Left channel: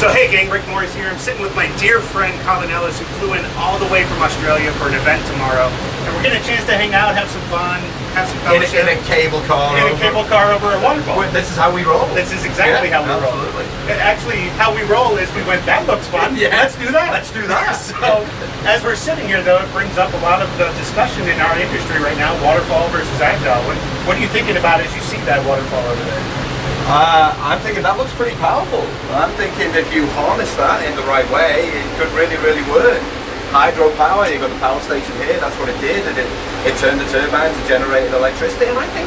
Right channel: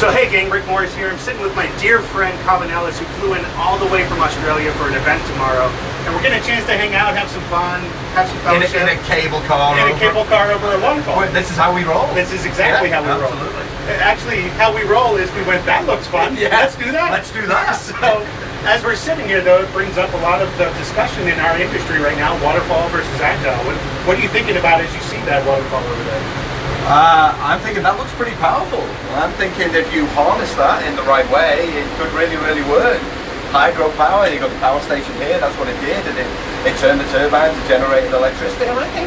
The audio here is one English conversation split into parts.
So hey gang, Rick Morris here. I'm sitting with my dear friend Colin Ellis, who flew in all the way from Australia for an event tomorrow. And we're getting a chance to hang out, have some fun, have some fellowship. In a cable car. In a cable car over a waterfall. This is how we roll. This is exactly how we roll. Actually, how we roll is we went, that looks fun. Yeah. Let's do that. Let's do that. So, as we're sitting here though, it brings up a lot of the discussion in our industry right now, waterfall versus agile. What are you thinking about as you see that waterfall over there? I'm thinking that looks pretty powerful. I'm thinking if you harness that in the right way, it could really, really work. Hydropower, you've got the power station here, that's what it did, and it turned the turbines and generated electricity, and I think,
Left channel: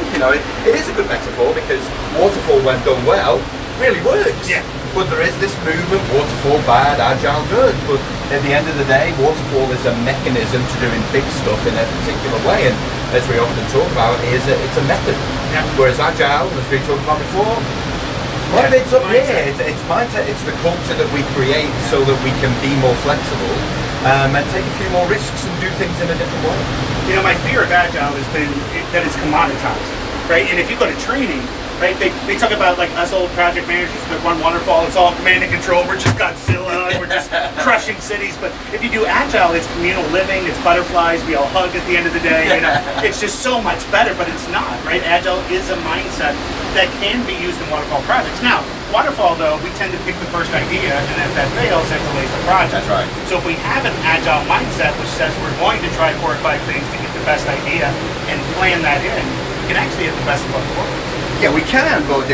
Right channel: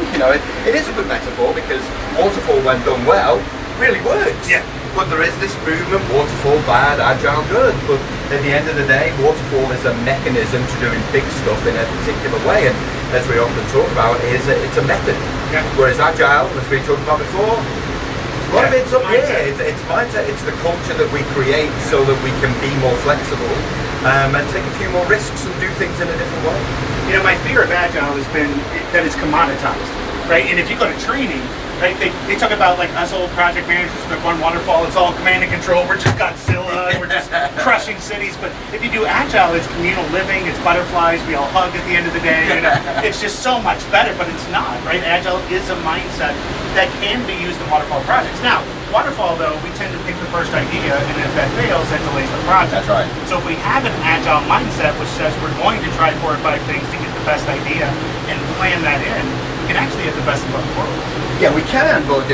it is a good metaphor because Waterfall, when done well, really works. Yeah. But there is this movement, Waterfall bad, Agile good, but at the end of the day, Waterfall is a mechanism to doing big stuff in a particular way, and as we often talk about, it's a method. Yeah. Whereas Agile, as we talked about before, a lot of it's up here. It's mindset, it's the culture that we create so that we can be more flexible and take a few more risks and do things in a different way. You know, my fear of Agile has been that it's commoditized, right? And if you go to training, right, they talk about like us old project managers that run Waterfall, it's all command and control, we're just Godzilla, and we're just crushing cities. But if you do Agile, it's communal living, it's butterflies, we all hug at the end of the day, it's just so much better, but it's not, right? Agile is a mindset that can be used in Waterfall projects. Now, Waterfall though, we tend to pick the first idea, and if that fails, that delays the project. That's right. So if we have an Agile mindset, which says we're going to try 4 or 5 things to get the best idea and plan that in, we can actually have the best of both worlds. Yeah, we can, but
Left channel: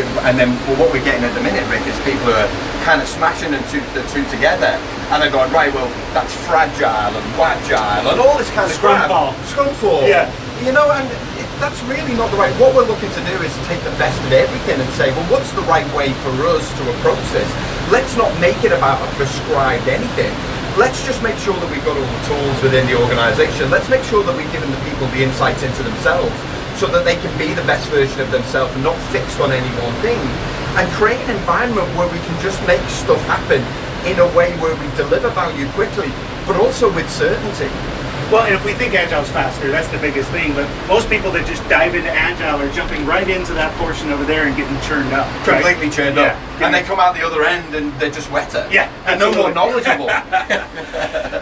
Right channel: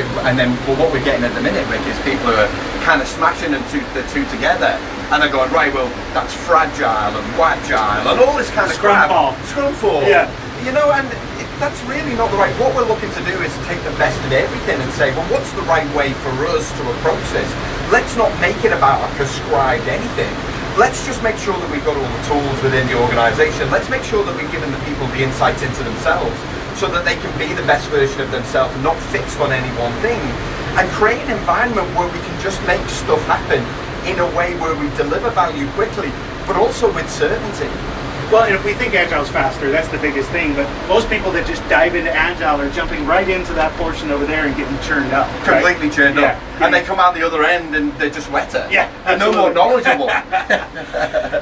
what we're getting at the minute, Rick, is people are kind of smashing the two together, and they're going, right, well, that's fragile and wagile and all this kind of crap. Scrumfall. Yeah. And that's really not the right. What we're looking to do is take the best of everything and say, well, what's the right way for us to approach this? Let's not make it about a prescribed anything. Let's just make sure that we've got all the tools within the organization. Let's make sure that we're giving the people the insights into themselves so that they can be the best version of themselves, not fixed on any one thing, and create an environment where we can just make stuff happen in a way where we deliver value quickly, but also with certainty. Well, and if we think Agile's faster, that's the biggest thing, but most people that just dive into Agile are jumping right into that portion over there and getting churned up. Completely right? churned up. And they come out the other end and they're just wetter. Yeah. And no more knowledgeable.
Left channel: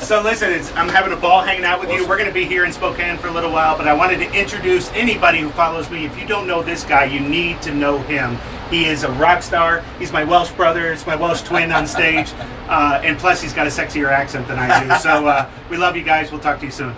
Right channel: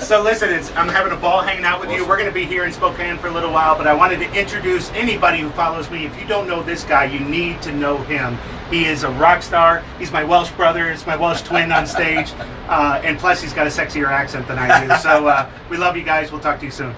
So listen, I'm having a ball hanging out with you. We're going to be here in Spokane for a little while, but I wanted to introduce anybody who follows me. If you don't know this guy, you need to know him. He is a rock star. He's my Welsh brother. He's my Welsh twin on stage. And plus, he's got a sexier accent than I do. So we love you guys. We'll talk to you soon.